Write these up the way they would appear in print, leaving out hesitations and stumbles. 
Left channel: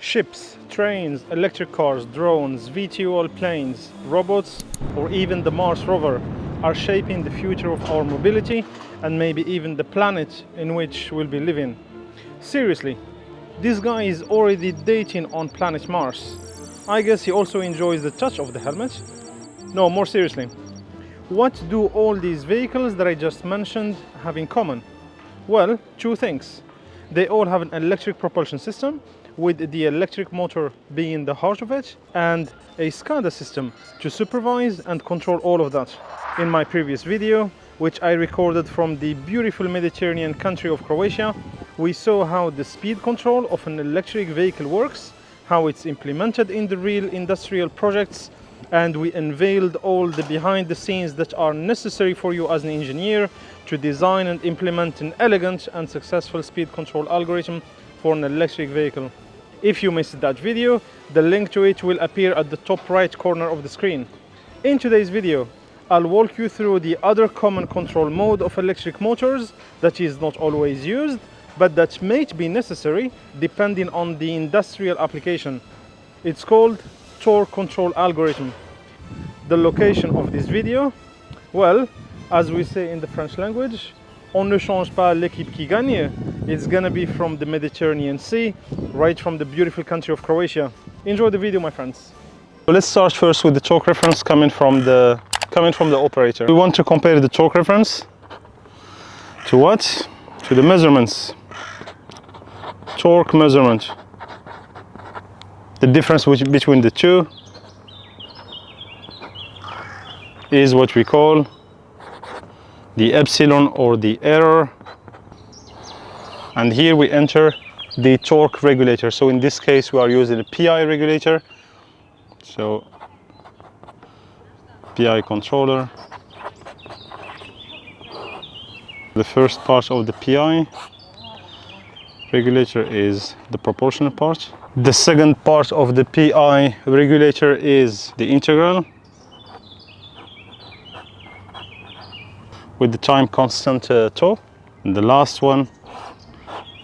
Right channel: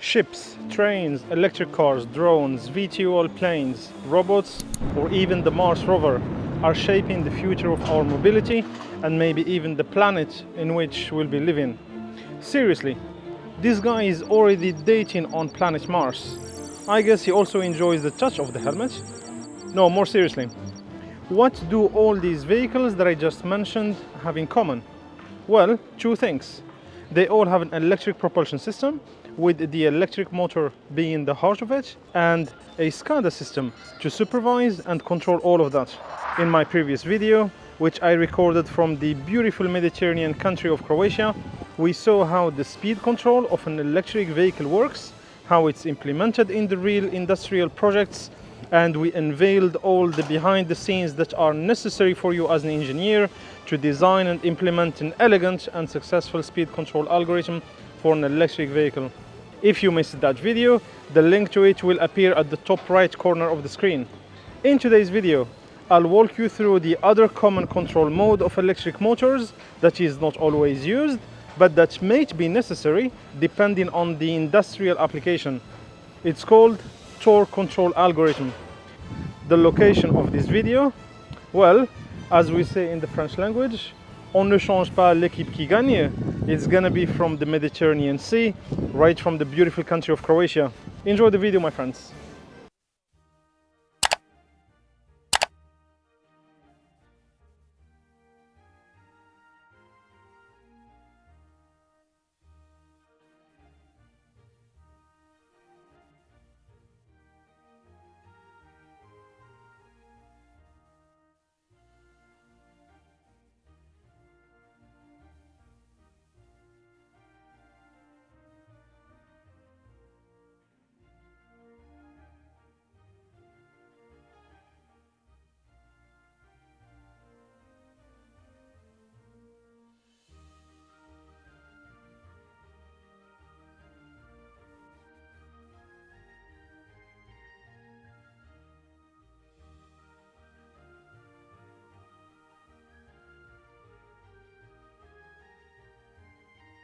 Ships, trains, electric cars, drones, VTOL planes, robots, or even the Mars Rover are shaping the future of our mobility and maybe even the planet in which we'll be living. Seriously, this guy is already dating on planet Mars. I guess he also enjoys the touch of the helmet. No, more seriously, what do all these vehicles that I just mentioned have in common? Well, two things. They all have an electric propulsion system, with the electric motor being the heart of it, and a SCADA system to supervise and control all of that. In my previous video, which I recorded from the beautiful Mediterranean country of Croatia, we saw how the speed control of an electric vehicle works, how it's implemented in the real industrial projects, and we unveiled all the behind the scenes that are necessary for you as an engineer to design and implement an elegant and successful speed control algorithm for an electric vehicle. If you missed that video, the link to it will appear at the top right corner of the screen. In today's video, I'll walk you through the other common control mode of electric motors that is not always used, but that might be necessary depending on the industrial application. It's called Tor Control Algorithm. The location of this video, well, as we say in the French language, on ne change pas l'équipe qui gagne. It's gonna be from the Mediterranean Sea, right from the beautiful country of Croatia. Enjoy the video, my friends. So let's start first with the torque reference coming from the operator. We want to compare the torque reference to what? To the measurements. Torque measurement. The difference between the two is what we call the epsilon, or the error, and here we enter the torque regulator. So in this case we are using a PI regulator, so PI controller. The first part of the PI regulator is the proportional part. The second part of the PI regulator is the integral with the time constant tau. And the last one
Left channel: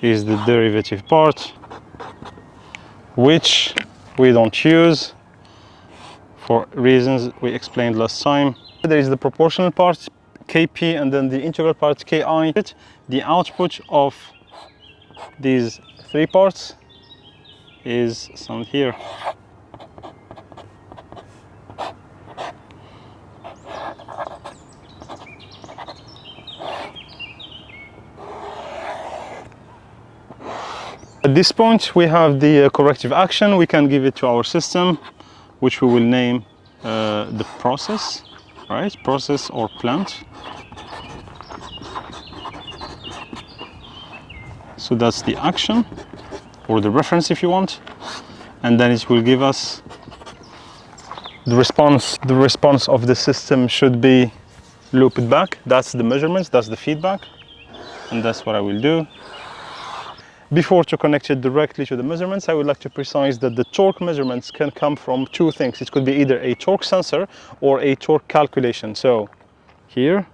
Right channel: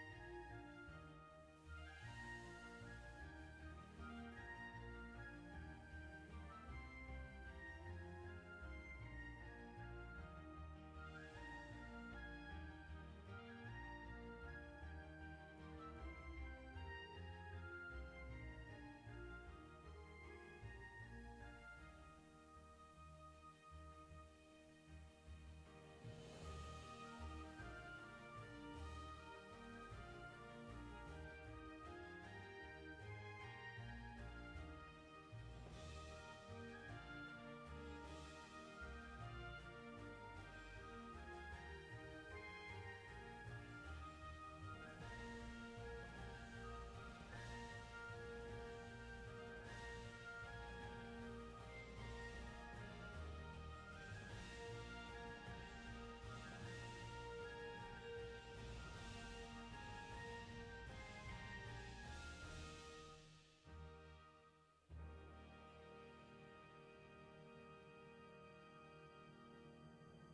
is the derivative part, which we don't use for reasons we explained last time. There is the proportional part, Kp, and then the integral part, Ki. The output of these three parts is some here. At this point we have the corrective action. We can give it to our system, which we will name the process, right? Process or plant. So that's the action, or the reference if you want, and then it will give us the response. The response of the system should be looped back. That's the measurements, that's the feedback, and that's what I will do. Before to connect it directly to the measurements, I would like to precise that the torque measurements can come from two things. It could be either a torque sensor or a torque calculation. So here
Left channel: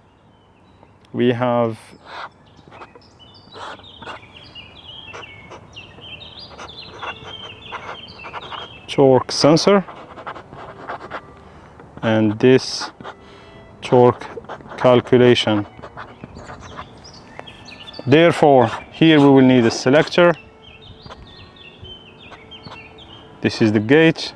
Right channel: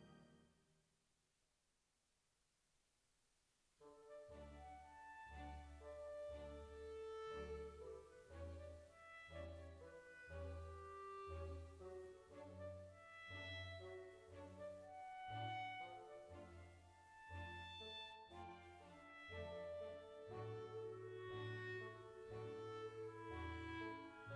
we have torque sensor and this torque calculation. Therefore, here we will need a selector. This is the gate.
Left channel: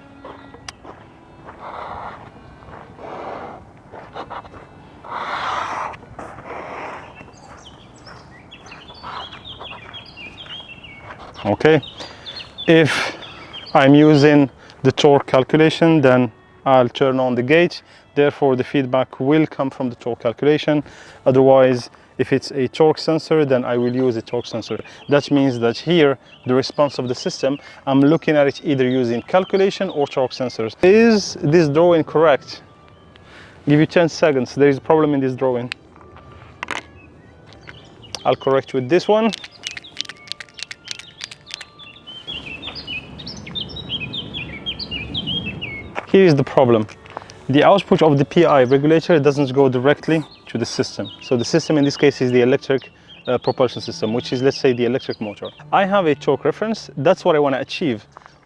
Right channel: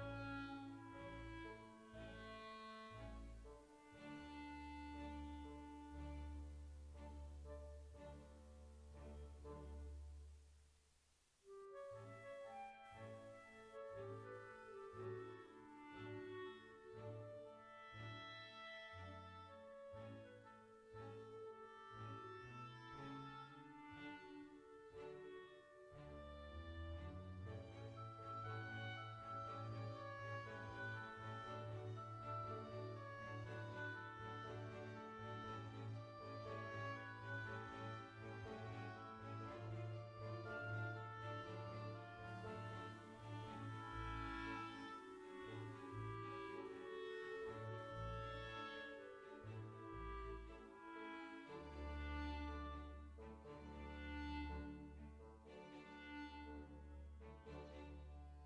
Okay. If I'm using the torque calculation, then I'll turn on the gate. Therefore, the feedback will come from the torque calculation. Otherwise, if it's a torque sensor, then I will use a torque sensor. That means that here, the response of the system, I'm looking at it either using calculation or torque sensors. Is this drawing correct? Give you 10 seconds. There is a problem in this drawing. I'll correct with this one. Here is the problem. The output of the PI regulator doesn't go directly to the system. So the system in this case is the electric propulsion system, which is, let's say, the electric motor. I have a torque reference. That's what I want to achieve.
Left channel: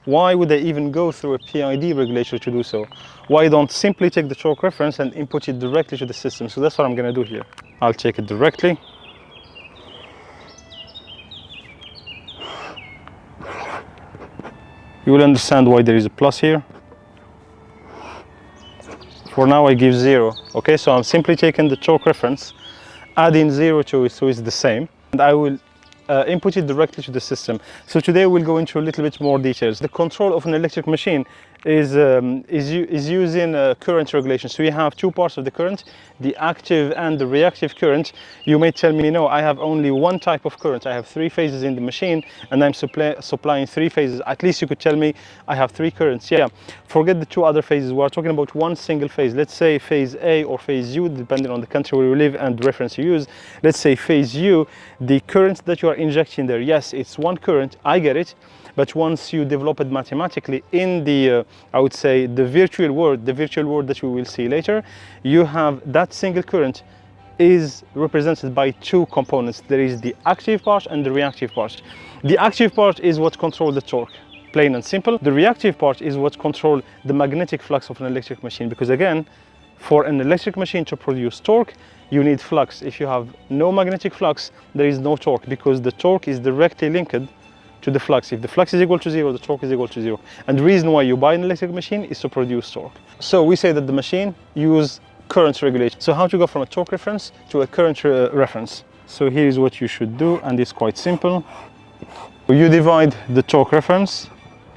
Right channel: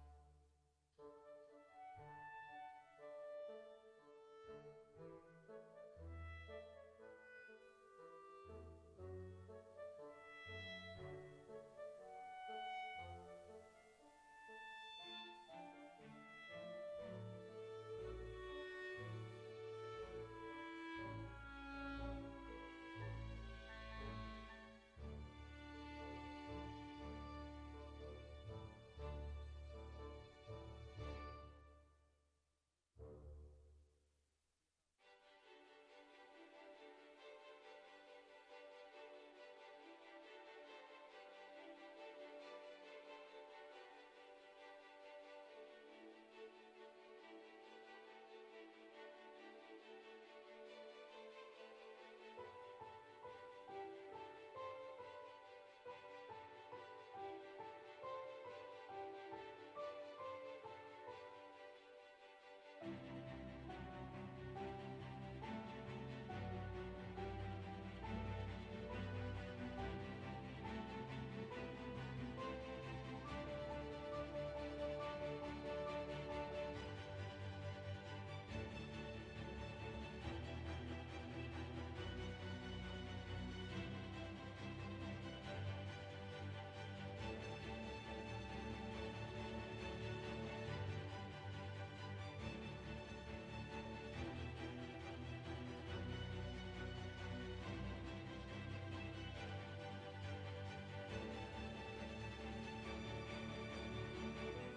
Why would they even go through a PID regulator to do so? Why don't simply take the torque reference and input it directly to the system? So that's what I'm going to do here. I'll take it directly. You will understand why there is a plus here. For now I give 0. Okay, so I'm simply taking the torque reference, adding 0 to it so it's the same, and I will input it directly to the system. So today we'll go into a little bit more details. The control of an electric machine is using current regulation. So we have two parts of the current, the active and the reactive current. You may tell me, no, I have only one type of current. I have 3 phases in the machine and I'm supplying 3 phases. At least you could tell me I have 3 currents. Yeah, forget the 2 other phases. We're talking about one single phase. Let's say phase A or phase U, depending on the country where you live and the reference you use. Let's say phase U, the current that you are injecting there, yes, it's one current, I get it. But once you develop it mathematically in the, I would say, the virtual world that we will see later, you have that single current is represented by 2 components. There is the active part and the reactive part. The active part is what controls the torque, plain and simple. The reactive part is what controls the magnetic flux of an electric machine, because again, for an electric machine to produce torque, you need flux. If you have no magnetic flux, there is no torque, because the torque is directly linked to the flux. If the flux is equal to 0, the torque is equal to 0. And the reason why you buy an electric machine is to produce torque. So we say that the machine uses current regulation. So how to go from a torque reference to a current reference? So here is what you should do, and it's quite simple. You divide the torque reference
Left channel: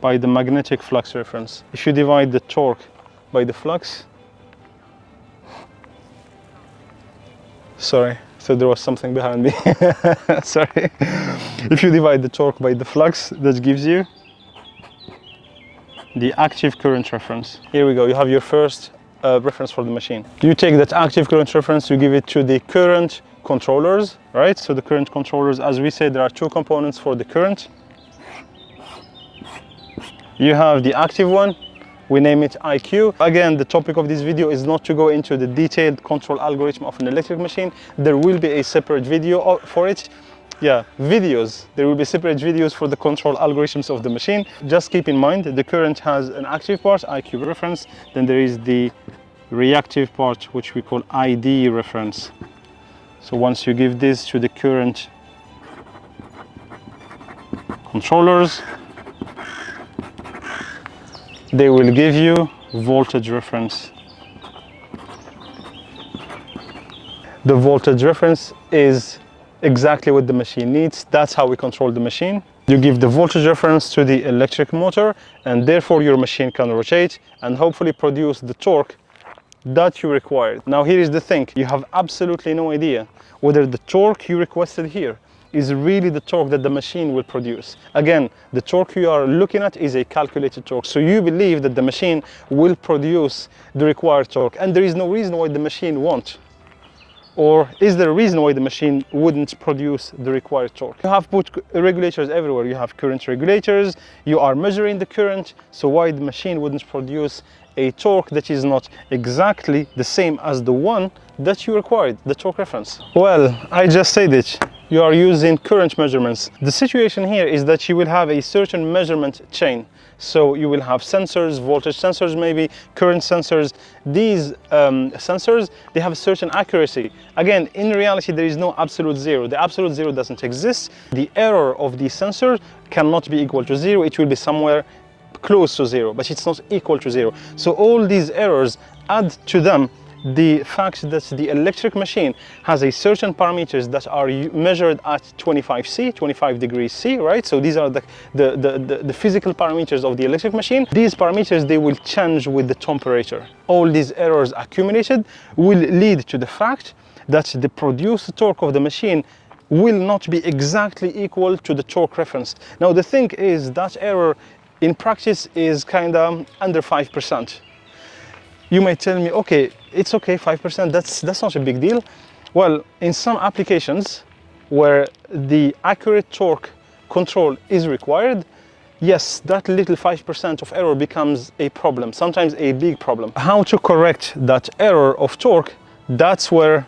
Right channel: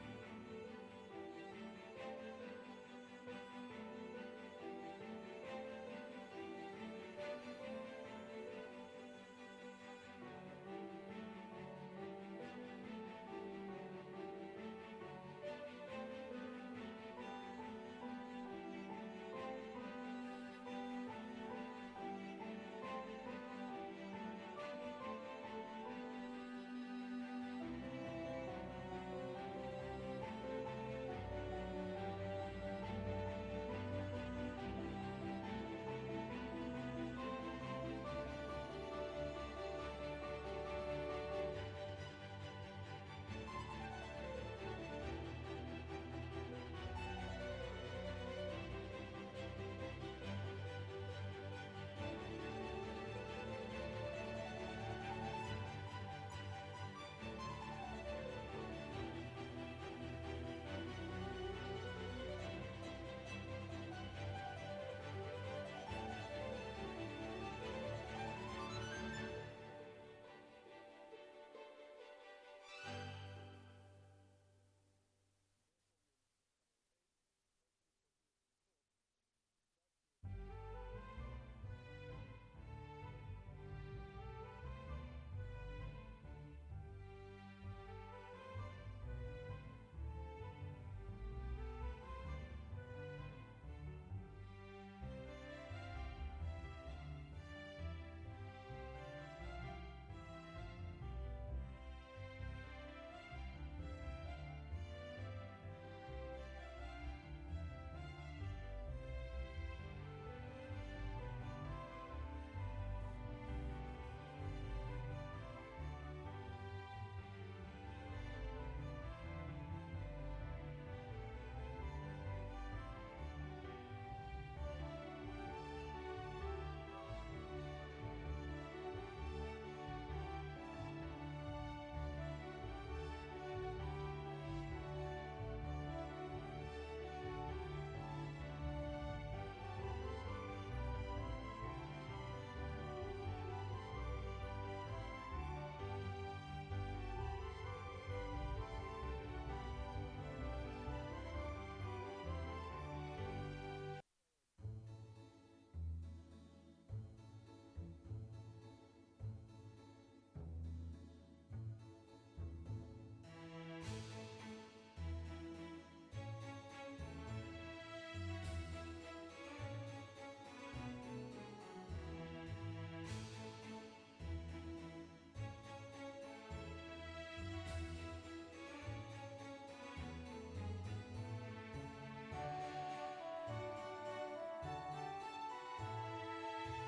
by the magnetic flux reference. If you divide the torque by the flux, sorry, so there was something behind me. Sorry. If you divide the torque by the flux, that gives you the active current reference. Here we go, you have your first reference for the machine. You take that active current reference, you give it to the current controllers, right? So the current controllers, as we said, there are 2 components for the current. You have the active one, we name it IQ. Again, the topic of this video is not to go into the detailed control algorithm of an electric machine. There will be a separate video for it. Yeah, videos. There will be separate videos for the control algorithms of the machine. Just keep in mind that the current has an active part, IQ reference. Then there is the reactive part, which we call ID reference. So once you give this to the current controllers, they will give you voltage reference. The voltage reference is exactly what the machine needs. That's how we control the machine. You give the voltage reference to the electric motor, and therefore your machine can rotate and hopefully produce the torque that you required. Now here is the thing, you have absolutely no idea whether the torque you requested here is really the torque that the machine will produce. Again, the torque you are looking at is a calculated torque. So you believe that the machine will produce the required torque, and there is no reason why the machine won't. Or is there a reason why the machine wouldn't produce the required torque? You have put regulators everywhere. You have current regulators, you are measuring the current, so why the machine wouldn't produce a torque that is not exactly the same as the one that you required, the torque reference? Well, I just said it. You are using current measurements. The situation here is that you will have a certain measurement chain. So you will have sensors, voltage sensors maybe, current sensors. These sensors, they have a certain accuracy. Again, in reality, there is no absolute 0. The absolute 0 doesn't exist. The error of the sensor cannot be equal to 0. It will be somewhere close to 0, but it's not equal to 0. So all these errors add to them the fact that the electric machine has a certain parameters that are measured at 25 degrees C, right? So these are the physical parameters of the electric machine. These parameters, they will change with the temperature. All these errors accumulated will lead to the fact that the produced torque of the machine will not be exactly equal to the torque reference. Now the thing is that error in practice is kind of under 5%. You may tell me, okay, it's okay, 5%, that's not a big deal. Well, in some applications where the accurate torque control is required, yes, that little 5% of error becomes a problem, sometimes a big problem. How to correct that error of torque, that's where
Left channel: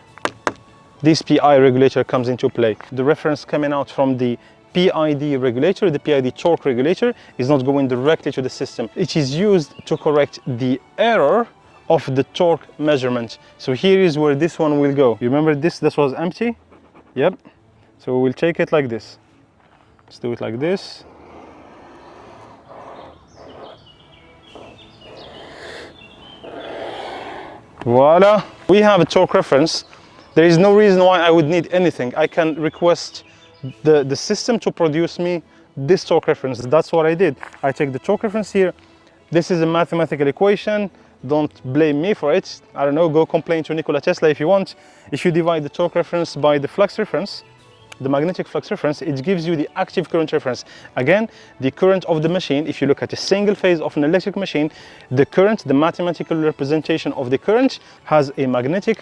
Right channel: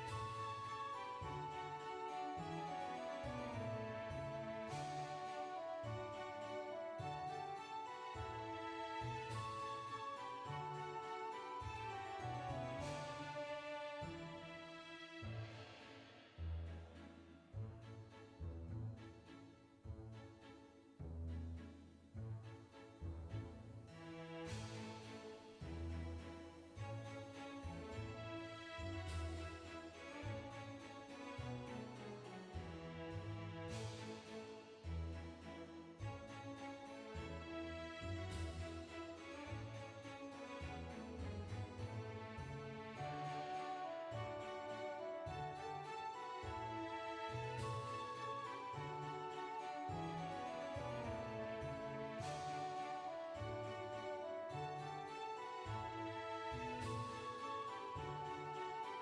this PI regulator comes into play. The reference coming out from the PID regulator, the PID torque regulator, is not going directly to the system. It is used to correct the error of the torque measurement. So here is where this one will go. You remember this was empty? Yep. So we'll take it like this. Let's do it like this. Voila. We have a torque reference. There is no reason why I would need anything. I can request the system to produce me this torque reference. That's what I did. I take the torque reference here. This is a mathematical equation. Don't blame me for it. I don't know, go complain to Nikola Tesla if you want. If you divide the torque reference by the flux reference, the magnetic flux reference, it gives you the active current reference. Again, the current of the machine, if you look at a single phase of an electric machine, the current, the mathematical representation of the current has a magnetic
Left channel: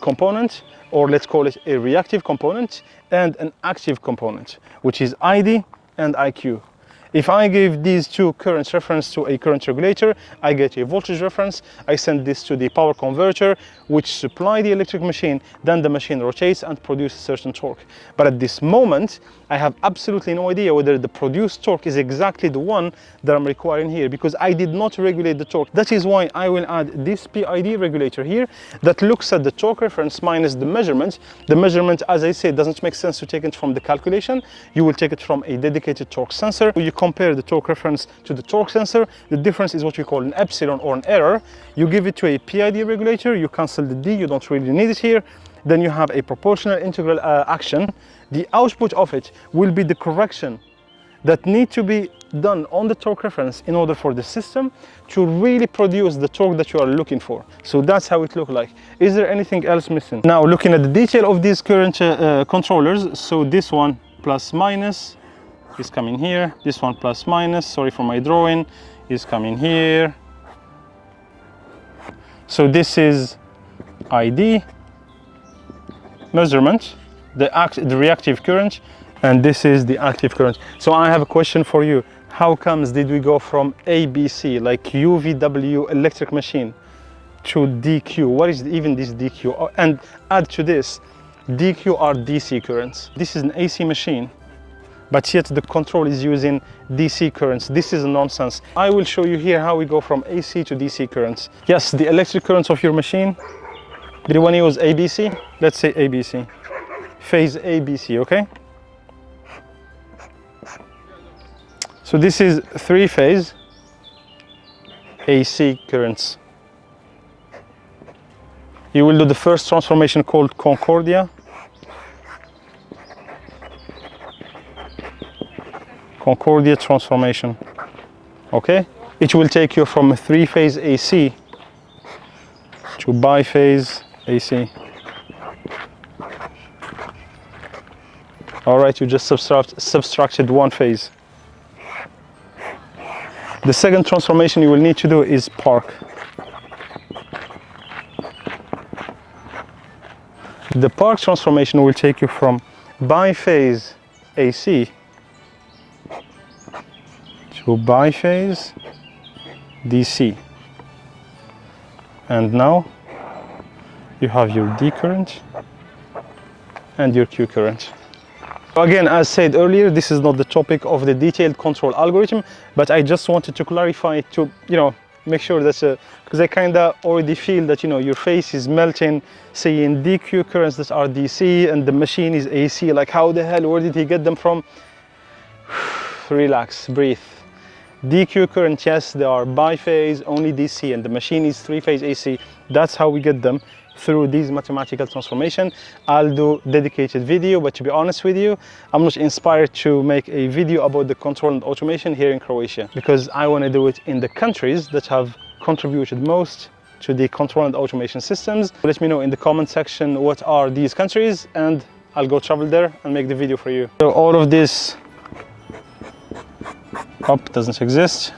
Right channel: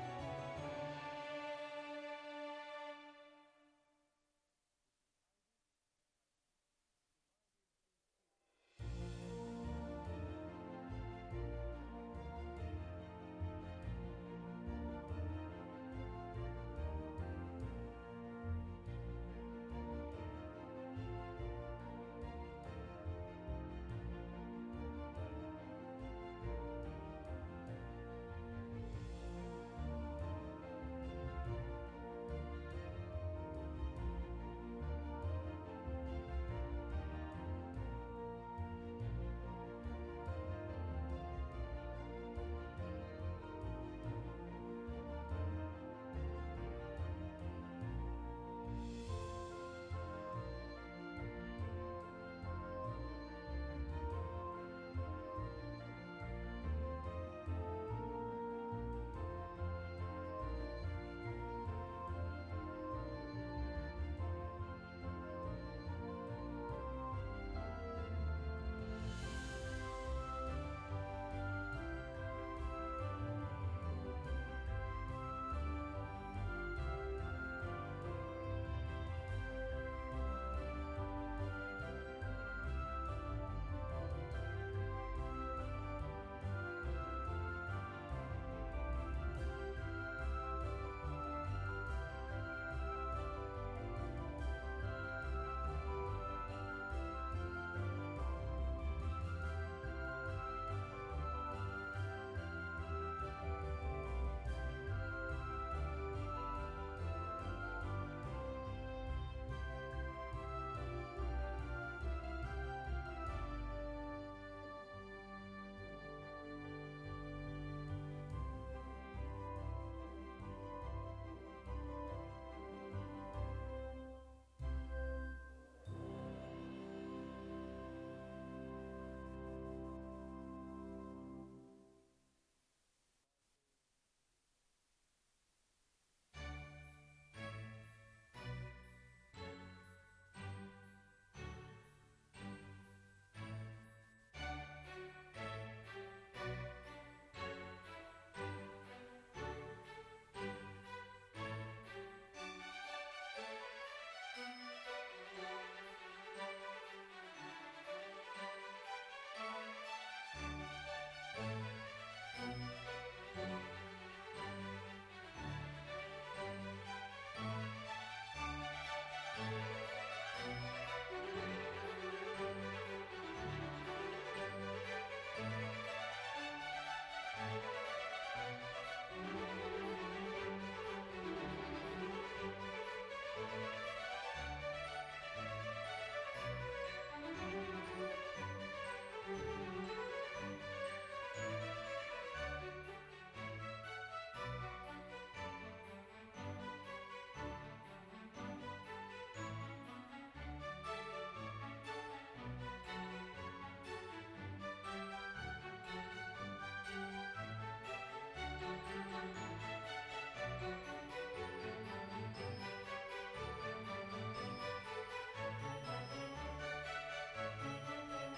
component, or let's call it a reactive component, and an active component, which is ID and IQ. If I give these two currents reference to a current regulator, I get a voltage reference. I send this to the power converter, which supply the electric machine. Then the machine rotates and produces certain torque. But at this moment, I have absolutely no idea whether the produced torque is exactly the one that I'm requiring here, because I did not regulate the torque. That is why I will add this PID regulator here that looks at the torque reference minus the measurement. The measurement, as I said, doesn't make sense to take it from the calculation. You will take it from a dedicated torque sensor. You compare the torque reference to the torque sensor. The difference is what we call an epsilon, or an error. You give it to a PID regulator, you cancel the D, you don't really need it here. Then you have a proportional integral action. The output of it will be the correction that need to be done on the torque reference in order for the system to really produce the torque that you are looking for. So that's how it looks like. Is there anything else missing? Now looking at the detail of these current controllers, so this one plus minus is coming here, this one plus minus, sorry for my drawing, is coming here. So this is ID, measurement, the reactive current, and this is the active current. So I have a question for you. How comes did we go from ABC, like UVW electric machine, to DQ? What is even this DQ? And add to this, DQ are DC currents. This is an AC machine, but yet the control is using DC currents. This is nonsense. I will show you here how we go from AC to DC currents. Yes, the electric currents of your machine. Do you want to use ABC? Let's say ABC. Phase ABC, okay? So this is three-phase AC currents. You will do the first transformation called Concordia. Concordia transformation, okay? It will take you from a three-phase AC to biphase AC. All right, you just subtracted one phase. The second transformation you will need to do is park. The park transformation will take you from biphase AC to biphase DC. And now you have your D current and your Q current. Again, as said earlier, this is not the topic of the detailed control algorithm, but I just wanted to clarify it to, make sure that, because I kind of already feel that, your face is melting, saying DQ currents that are DC and the machine is AC. Like, how the hell, where did he get them from? Relax, breathe. DQ current, yes, they are biphase, only DC, and the machine is three-phase AC. That's how we get them, through these mathematical transformation. I'll do dedicated video, but to be honest with you, I'm not inspired to make a video about the control and automation here in Croatia, because I want to do it in the countries that have contributed most to the control and automation systems. Let me know in the comment section what are these countries, and I'll go travel there and make the video for you. So all of this up doesn't exist.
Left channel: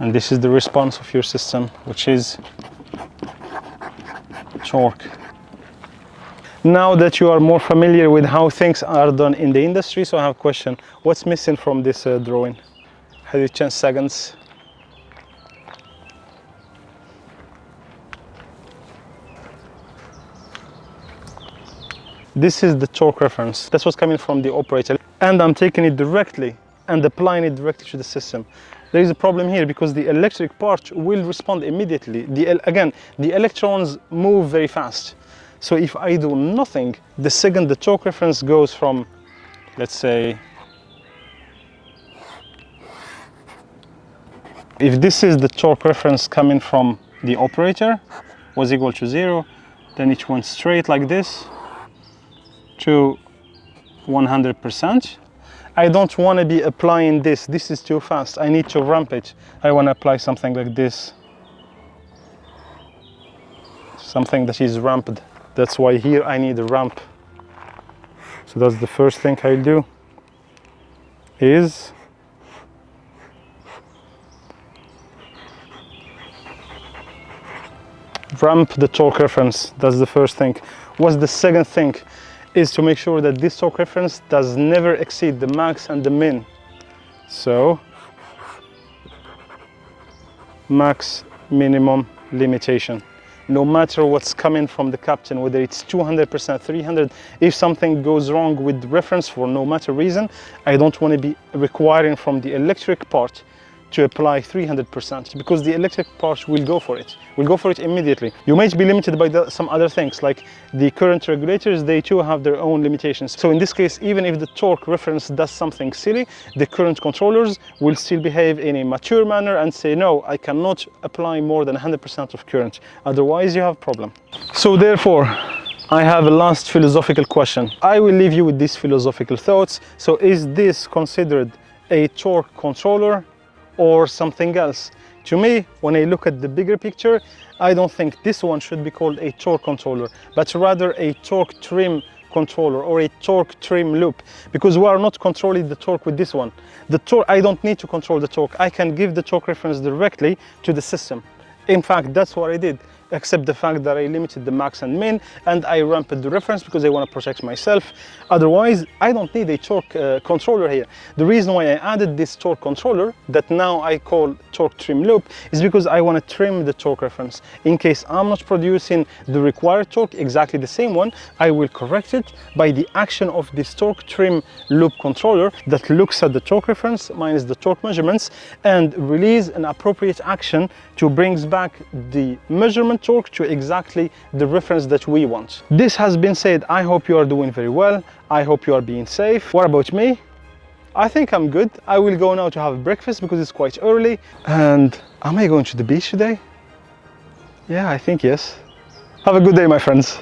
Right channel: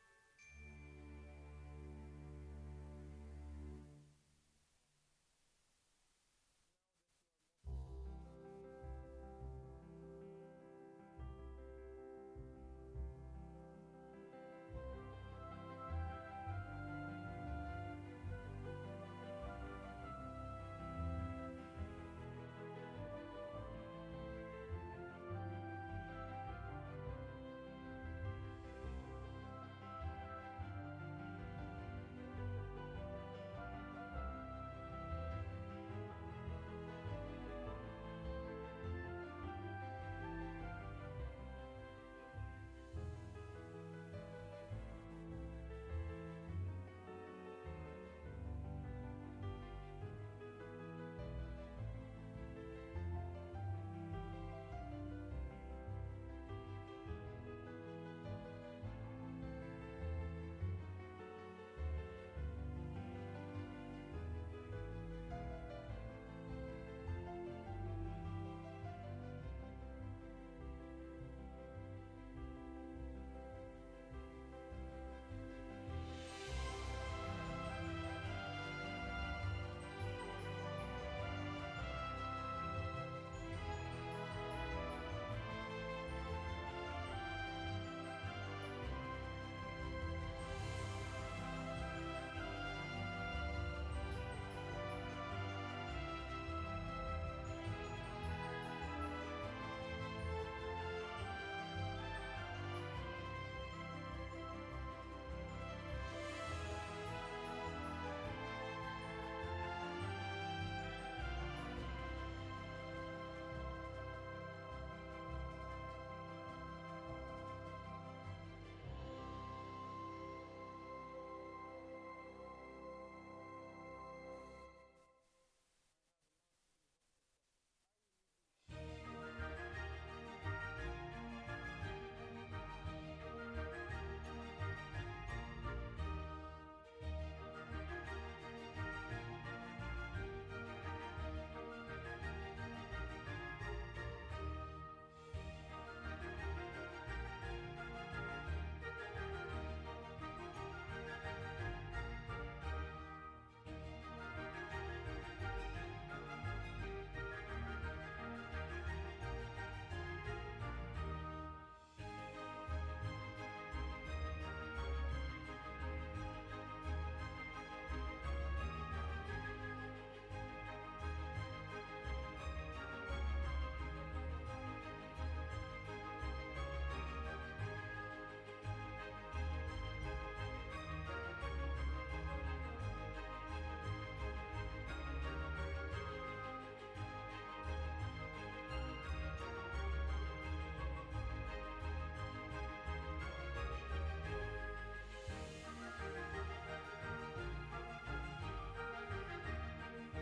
And this is the response of your system, which is torque. Now that you are more familiar with how things are done in the industry, so I have a question. What's missing from this drawing? Have you 10 seconds? This is the torque reference. That's what's coming from the operator. And I'm taking it directly and applying it directly to the system. There is a problem here because the electric part will respond immediately. Again, the electrons move very fast. So if I do nothing, the second the torque reference goes from, let's say, if this is the torque reference coming from the operator, was equal to 0, then it went straight like this to 100%. I don't want to be applying this. This is too fast. I need to ramp it. I want to apply something like this. Something that is ramped. That's why here I need a ramp. So that's the first thing I'll do is ramp the torque reference. That's the first thing. What's the second thing? Is to make sure that this torque reference does never exceed the max and the min. So max minimum limitation. No matter what's coming from the captain, whether it's 200%, 300, if something goes wrong with the reference for no matter reason, I don't want to be requiring from the electric part to apply 300% because the electric part will go for it. Will go for it immediately. You might be limited by some other things like the current regulators, they too have their own limitations. So in this case, even if the torque reference does something silly, the current controllers will still behave in a mature manner and say, no, I cannot apply more than 100% of current. Otherwise you have a problem. So therefore, I have a last philosophical question. I will leave you with these philosophical thoughts. So is this considered a torque controller or something else? To me, when I look at the bigger picture, I don't think this one should be called a torque controller, but rather a torque trim controller or a torque trim loop, because we are not controlling the torque with this one. The torque, I don't need to control the torque. I can give the torque reference directly to the system. In fact, that's what I did, except the fact that I limited the max and min and I ramped the reference because I want to protect myself. Otherwise, I don't need a torque controller here. The reason why I added this torque controller that now I call torque trim loop is because I want to trim the torque reference. In case I'm not producing the required torque, exactly the same one, I will correct it by the action of this torque trim loop controller that looks at the torque reference minus the torque measurements and release an appropriate action to brings back the measurement torque to exactly the reference that we want. This has been said. I hope you are doing very well. I hope you are being safe. What about me? I think I'm good. I will go now to have breakfast because it's quite early. And am I going to the beach today? Yeah, I think yes. Have a good day, my friends.